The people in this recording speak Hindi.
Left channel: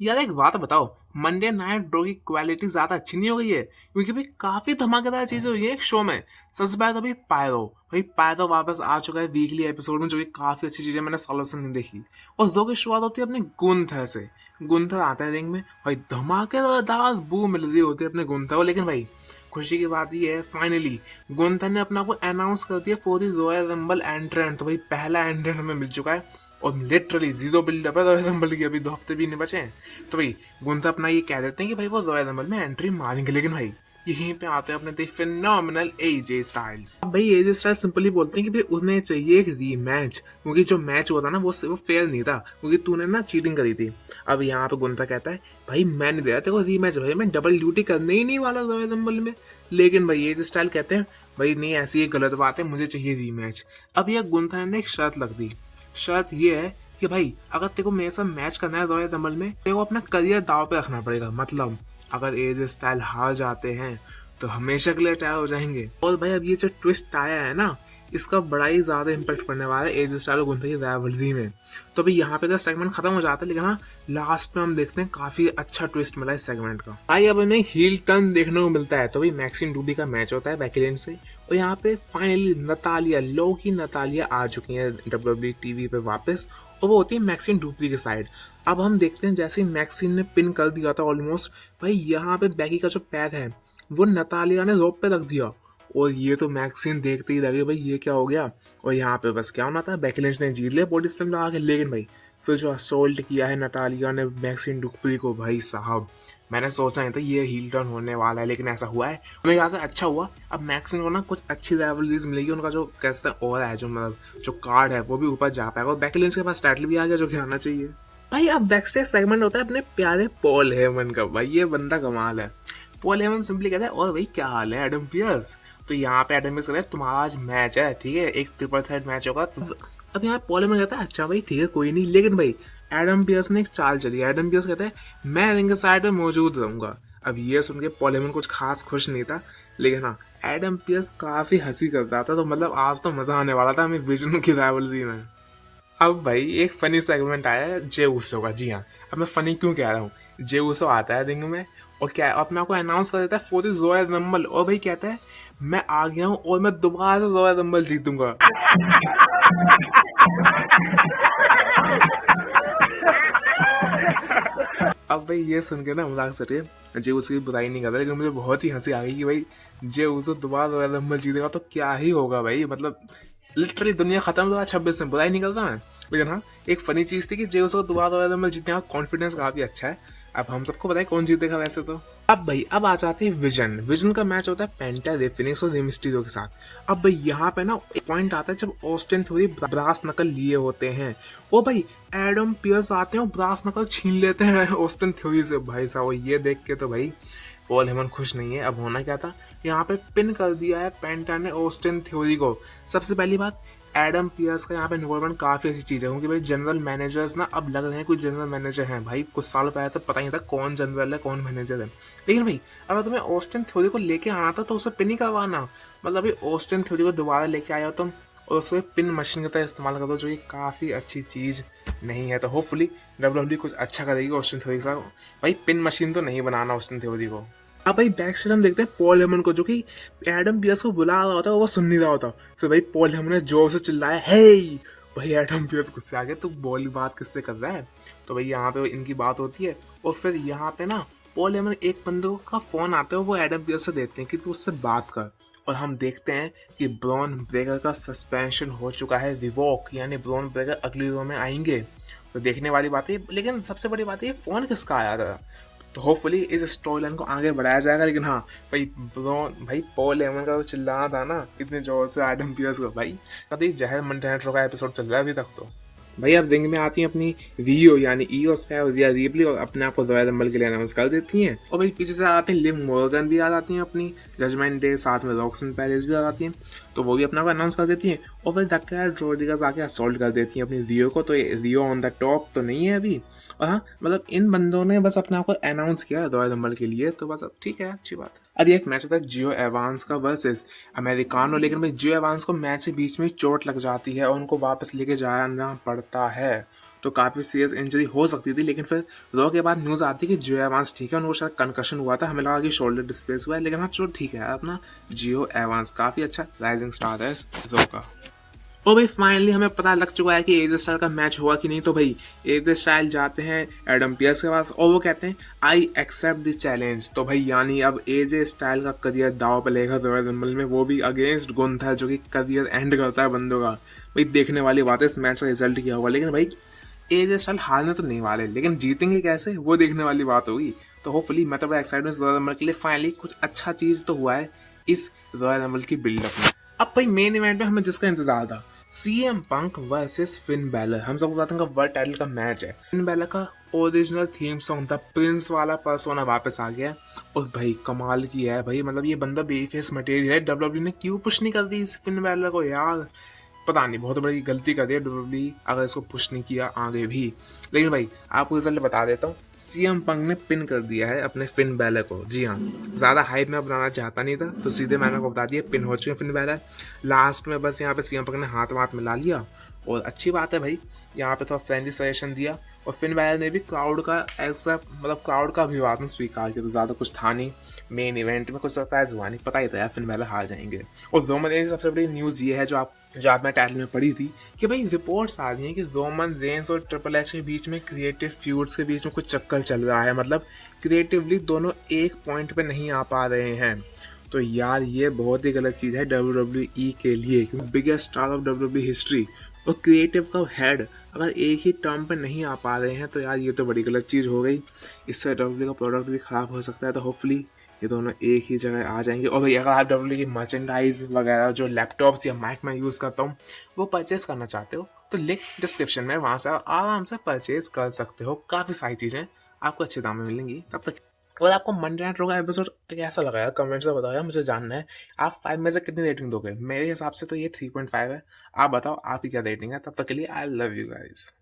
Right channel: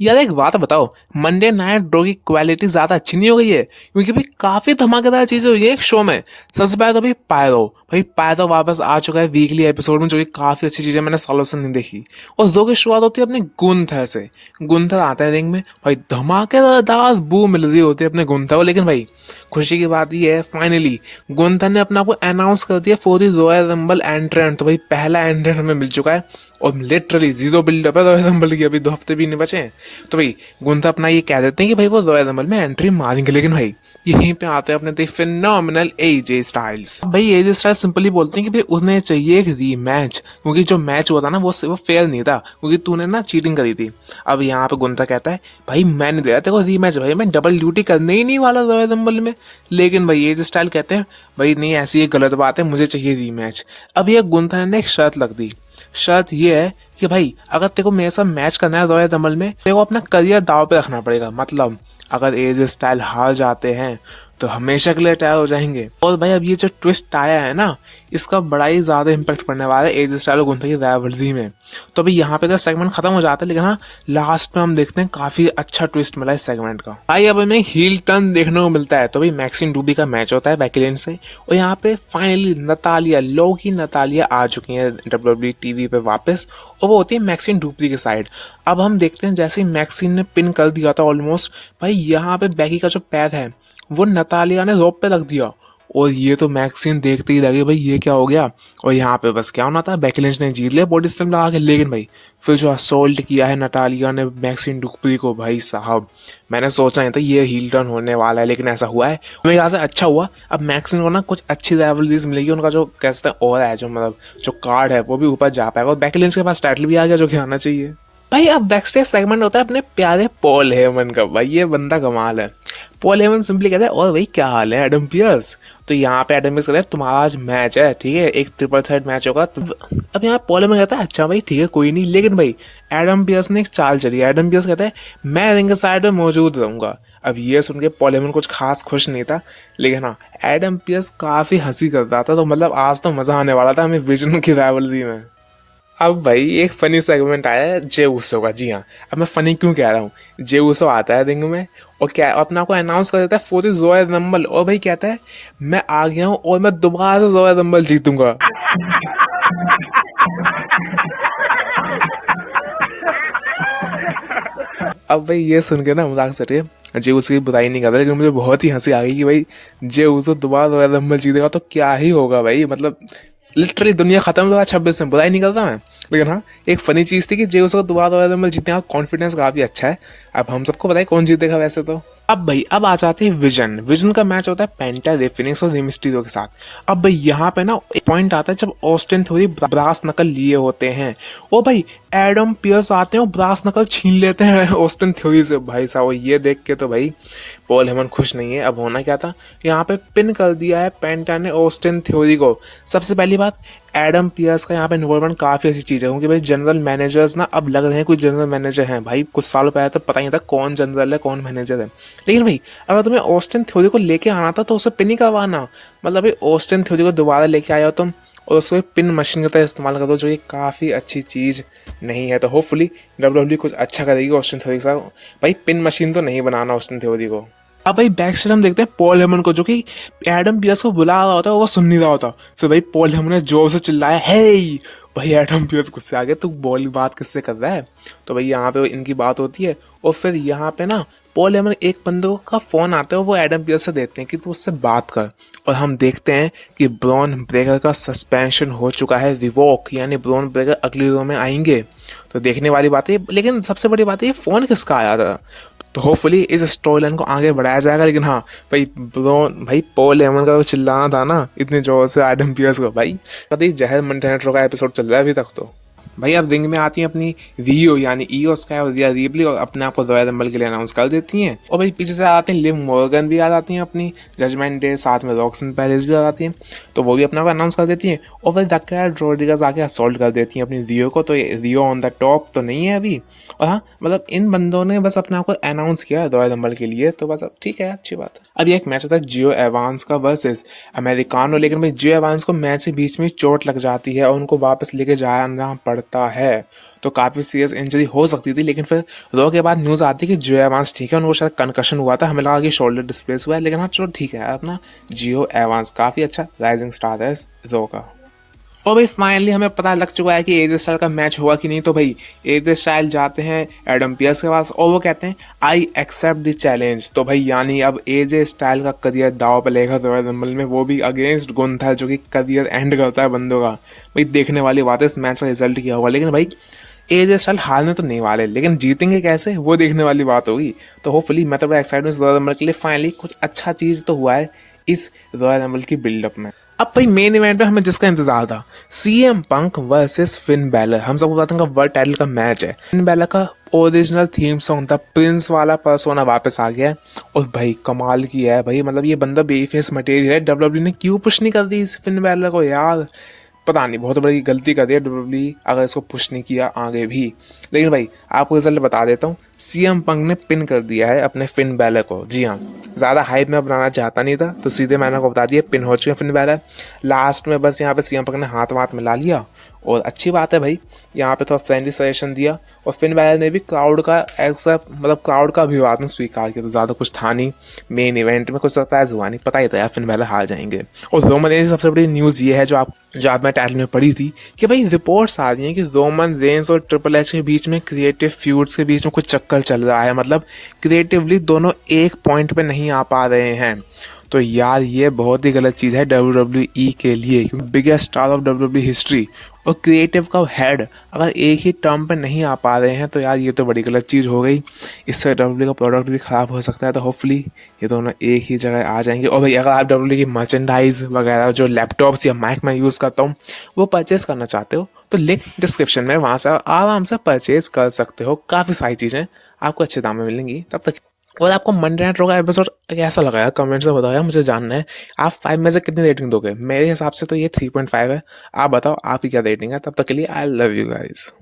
यार एक बात बताओ। मंडे नाइट ड्रॉ की क्वालिटी ज्यादा अच्छी नहीं हो गई है? क्योंकि भाई काफी धमाकेदार चीजें हुई है एक शो में। सबसे पहले तो भाई पायरो वापस आ चुका है वीकली एपिसोड में, जो कि काफी अच्छी चीज है, मैंने सालों से नहीं देखी। और जो की शुरुआत होती है अपने गुंथर से। गुंथर आता है रिंग में, भाई धमाकेदार बू मिल रही होती है अपने गुंथर को। लेकिन भाई खुशी की बात यह है, फाइनली गुंथर ने अपना को अनाउंस कर दिया फॉर द रॉयल रंबल एंट्रेंट। तो भाई पहला एंट्रेंट हमें मिल चुका है। और लिटरली जीरो बिल्डअप है रॉयल रंबल की, अभी 2 हफ्ते भी नहीं बचे हैं। तो भाई गुंथा अपना ये कह देते हैं कि भाई वो रॉयल रंबल में एंट्री मारेंगे। लेकिन भाई यहीं पे आते हैं अपने थे फिनोमिनल एजे स्टाइल्स। भाई एजे स्टाइल्स सिंपली बोलते हैं कि भाई उसने चाहिए एक रीमैच, क्योंकि जो मैच हुआ था ना वो फेयर नहीं था, क्योंकि तूने ना चीटिंग करी थी। अब यहाँ पे गुंथा कहता है भाई मैं नहीं दे रहा तेरे को रीमैच, भाई मैं डबल ड्यूटी करने ही नहीं वाला रॉयल रंबल में। लेकिन भाई एजे स्टाइल कहते हैं भाई नहीं, ऐसी एक गलत बात है, मुझे चाहिए रीमैच। अब ये गुंथा ने एक शर्त लग दी। शर्त ये है कि भाई अगर तेरे को मेरे साथ मैच करना है रॉयल रंबल में, तेरे को अपना करियर दाव पे रखना पड़ेगा। मतलब अगर एज स्टाइल हार जाते हैं तो हमेशा के लिए टायर हो जाएंगे। और भाई अब ये जो ट्विस्ट आया है ना, इसका बड़ा ही ज्यादा इम्पैक्ट पड़ने वाला है एज स्टाइल और गुंथा की राइवलरी में। तो अभी यहाँ पे तो सेगमेंट खत्म हो जाता है, लेकिन हाँ लास्ट में हम देखते हैं काफी अच्छा ट्विस्ट मिला इस सेगमेंट का। भाई अब हमें हील टर्न देखने को मिलता है। तो भाई मैक्सिन डूबी का मैच होता है बेकी लिंच से, और यहाँ पे फाइनली नतालिया, लोकी नतालिया आ चुकी है डब्ल्यूडब्ल्यूई टीवी पे वापस, और वो होती है मैक्सिन डुप्री के साइड। अब हम देखते हैं जैसे ही मैक्सिन ने पिन कर दिया था ऑलमोस्ट, भाई यहाँ पे बेकी का जो पैर है वो नतालिया ने रोप पे रख दिया। और ये तो मैक्सिन देखते ही लगे भाई ये क्या हो गया। और यहाँ पे बस क्या होना था, बेकी लिंच ने जीत लिया बॉडी स्लैम लगा के। लेकिन भाई फिर जो असोल्ट किया है नतालिया ने मैक्सिन डुप्री को, भाई साहब मैंने सोचा नहीं था ये हील टर्न होने वाला है, लेकिन ऐसा हुआ है। मेरे ख्याल से अच्छा हुआ। अब मैक्सिन को ना कुछ अच्छी राइवलरीज मिलेगी, उनका जो कहते हैं और है जो मतलब जो कार्ड है वो भी ऊपर जा पाएगा, और बेकी लिंच के पास टाइटल भी आ गया जो कि आना चाहिए। भाई अब बैकस्टेज सेगमेंट होता है अपने प्यारे पॉल हेमन का। भाई ये बंदा कमाल है। पॉल हेमन सिंपली कहता है और भाई क्या हाल है एडम पियर्स। तो यहाँ पे एडम पियर्स कहता है तुम्हारा आज मैच है, ठीक है, एक ट्रिपल थ्रेट मैच होगा। तो अब यहाँ पॉल हेमन कहता है अच्छा भाई ठीक है कोई नहीं। लेकिन भाई एडम पियर्स ने एक चाल चली है। एडम पियर्स कहता है मैं रिंग साइड में मौजूद रहूंगा। अब ये सुन के पॉल हेमन कुछ खास खुश नहीं था, लेकिन हाँ एडम पियर्स काफी हंसी करता था। तो मतलब आज तो मजा आने वाला था हमें विजन की राइवलरी में। अब भाई एक फनी सेगमेंट आया है जे उसो का। जी हाँ, अब मैं फनी क्यों कह रहा हूँ, जे उसो आता है रिंग में और क्या अपना को अनाउंस कर देता है फॉर दिस रॉयल रंबल, और भाई कहता है मैं आ गया हूँ और मैं दोबारा से रॉयल रंबल जीतूंगा। अब भाई ये सुन के ना मजाक से रही जे उसकी बुराई नहीं करता, लेकिन मुझे बहुत ही हंसी आ गई कि भाई जे उसो दोबारा रॉयल रंबल जीतेगा तो क्या ही होगा भाई। मतलब लिटरली दुनिया खत्म 2026 में, बुराई नहीं करता मैं। लेकिन हाँ एक फनी चीज थी कि जे उसको दोबारा रॉयल रंबल जीतने का कॉन्फिडेंस काफी अच्छा है। अब हम सबको पता है कौन जीतेगा वैसे तो। अब भाई अब आ जाते हैं विजन। विजन का मैच होता है पेंटा, रे फिनिक्स और रे मिस्टीरियो के साथ। अब भाई यहाँ पे ना एक पॉइंट आता है जब ऑस्टिन थ्योरी ब्रास नकल लिए होते हैं, और भाई एडम पियर्स आते हैं और ब्रास नकल छीन लेते हैं ऑस्टिन थ्योरी से। भाई साहब ये देख के तो भाई पॉल हेमन खुश नहीं है। अब होना क्या था, यहाँ पे पिन कर दिया है पेंटा ने ऑस्टिन थ्योरी को। सबसे पहली बात, एडम पियर्स का यहाँ पे इन्वॉल्वमेंट काफी ऐसी चीज है, क्योंकि भाई जनरल मैनेजर्स ना अब लग रहे हैं कोई जनरल मैनेजर हैं। भाई कुछ सालों पहले तो पता ही नहीं था कौन जनरल है कौन मैनेजर है। लेकिन भाई अगर तुम्हें ऑस्टिन थ्योरी को लेके आना था तो उसे पिन ही करवाना। मतलब भाई ऑस्टिन थ्योरी को दोबारा लेके आया हो तुम, और उसको एक पिन मशीन का तरह इस्तेमाल कर दो, जो ये काफ़ी अच्छी चीज़ नहीं है। तो होपफुली डब्ल्यूडब्ल्यूई कुछ अच्छा करेगी ऑस्टिन थ्योरी के साथ। भाई पिन मशीन तो नहीं बनाना ऑस्टिन थ्योरी को। अब भाई बैक साइड हम देखते हैं पॉल हेमन को, जो कि एडम पियर्स को बुला रहा होता है, वो सुन नहीं रहा होता। फिर भाई पॉल हेमन ने जोर से चिल्लाया हे। भाई एडम पियर्स गुस्से आ गया, तू बोली बात किससे कर रहा है। तो भाई यहाँ पे इनकी बात होती है, और फिर यहाँ पे ना पॉल हेमन एक बंदे का फोन आता है, वो एडम पियर्स से देते हैं कि तू उससे बात कर। और हम देखते हैं कि ब्रॉन ब्रेकर का सस्पेंशन हो चुका है रिवोक, यानी ब्रॉन ब्रेकर अगली रो में आएंगे। तो देखने वाली बात है, लेकिन सबसे बड़ी बात है ये फोन किसका आया था। तो होपफुली इस स्टोरी लाइन को आगे बढ़ाया जाएगा। लेकिन हाँ भाई पॉल हेमन का तो चिल्लाना था ना इतने जोर से एडम पियर्स को, भाई पता ही जहर मंटेनेट्रो का एपिसोड चल रहा है अभी तक तो। भाई अब रिंग में आती हैं अपनी रियो यानी ईओ स्काई और रिया रिप्ली, और अपने आप को रॉयल रंबल के लिए अनाउंस कर देती हैं। और भाई पीछे से आते हैं लिव मॉर्गन भी आ जाती हैं अपनी जजमेंट डे, साथ में रॉक्सन पेरिस भी आ जाती हैं। तो वो भी अपना को अनाउंस कर देती हैं। और फिर डक्कर रोड्रिगस आके असॉल्ट कर देती हैं अपनी रियो को। तो ये रियो ऑन द टॉप तो नहीं है अभी। और हाँ मतलब इन बंदों ने बस अपने आप को अनाउंस किया रॉयल रंबल के लिए, तो बस अब ठीक है अच्छी बात है। अब ये एक मैच होता है जियो एवांस का वर्सेस अमेरिकानो। लेकिन भाई जियो एवांस को मैच के बीच में चोट लग जाती है और उनको वापस लेके जाना पड़ता करता है तो काफ़ी सीरियस इंजरी हो सकती थी, लेकिन फिर रॉ के बाद न्यूज़ आती है कि जियो एवांस ठीक है, उनको शायद कंकशन हुआ था, हमें लगा कि शोल्डर डिस्प्लेस हुआ है, लेकिन हाँ चलो ठीक है अपना जियो एवांस काफ़ी अच्छा राइजिंग स्टार है इस रॉ का। और भाई फाइनली हमें पता लग चुका है कि एजे स्टाइल का मैच हुआ कि नहीं। तो भाई एजे स्टाइल जाते हैं एडम पियर्स के पास और वो कहते हैं आई एक्सेप्ट द चैलेंज। तो भाई यानी अब एजे स्टाइल का करियर दाव पे लेगा रॉयल रंबल में, वो भी अगेंस्ट गुंथर जो कि करियर एंड करता है बंदों का। भाई देखने वाली बात है इस मैच का रिजल्ट क्या होगा, लेकिन भाई एजे स्टाइल हारने तो नहीं वाले, लेकिन जीतेंगे कैसे वो देखने वाली बात होगी। तो होपफुली मैं तो बड़ा एक्साइटमेंट रॉयल रंबल के लिए, फाइनली कुछ अच्छा चीज़ तो हुआ है इस रॉयल रंबल की बिल्डअप में। अब भाई मेन इवेंट में हमें जिसका इंतजार था, CM Punk versus Finn Balor, हम सबको पता था वर्ल्ड टाइटल का मैच है। फिन बैलर का ओरिजिनल थीम सॉन्ग था प्रिंस वाला पर्सोना वापस आ गया है और भाई कमाल की है भाई, मतलब ये बंदा बेफेस मटेरियल है। डब्ल्यूडब्ल्यू ने क्यों पुश नहीं कर दी इस फिन बैलर को यार, पता नहीं, बहुत बड़ी गलती कर दी है डब्ल्यूडब्ल्यू अगर इसको पुश नहीं किया आगे भी। लेकिन भाई आपको रिजल्ट बता देता हूँ, सीएम पंक ने पिन कर दिया है अपने फिन बैलर को। जी हाँ, ज़्यादा हाइप में बनाना चाहता नहीं था तो सीधे मैंने को बता दिया पिन हो चुके हैं फिन बैलर। लास्ट में बस यहाँ पे सीएम पंक ने हाथ वाथ मिला लिया और अच्छी बात है भाई, यहाँ पे थोड़ा फ्रेंडली सजेशन दिया और फिन बैलर ने भी क्राउड का एक्सेप्ट, मतलब क्राउड का अभिवादन स्वीकार किया। तो ज़्यादा कुछ था नहीं, मेन इवेंट में कुछ सरप्राइज हुआ नहीं, पता ही था यार फिन बैलर हार जाएंगे। और रोमन रेंस सबसे बड़ी न्यूज़ ये है जो आप मैं टाइटल में पढ़ी थी कि भाई रिपोर्ट्स आ रही हैं कि रोमन रेंस और ट्रिपल एच के बीच में क्रिएटिव फ्यूड्स के बीच में कुछ चक्कर चल रहा है, मतलब क्रिएटिवली दोनों एक पॉइंट पे नहीं आ पा रहे हैं। तो यार ये बहुत ही गलत चीज़ है डब्ल्यू के लिए, क्योंकि biggest star of W history और क्रिएटिव का हेड अगर एक ही टर्म पे नहीं आ पा रहे हैं तो यार ये तो बड़ी गलत चीज़ हो गई। इससे डब्ल्यू का प्रोडक्ट भी ख़राब हो सकता है। तो होपफुली ये दोनों एक ही जगह आ जाएंगे। और भाई अगर आप डब्ल्यू की मर्चेंडाइज वगैरह जो लैपटॉप्स या माइक मैं यूज़ करता हूँ वो परचेज़ करना चाहते हो तो लिंक डिस्क्रिप्शन में, वहाँ से आराम से परचेज़ कर सकते हो। काफ़ी सारी चीज़ें आपको अच्छे दाम में मिलेंगी तब तक। और आपको मंडे नाइट रॉ का एपिसोड कैसा लगा यार, कमेंट से बताओ यार, मुझे जानना है। आप 5 में से कितनी रेटिंग दोगे? मेरे हिसाब से तो ये 3.5 है। आप बताओ आपकी क्या रेटिंग है। तब तक के लिए आई लव यू गाइस।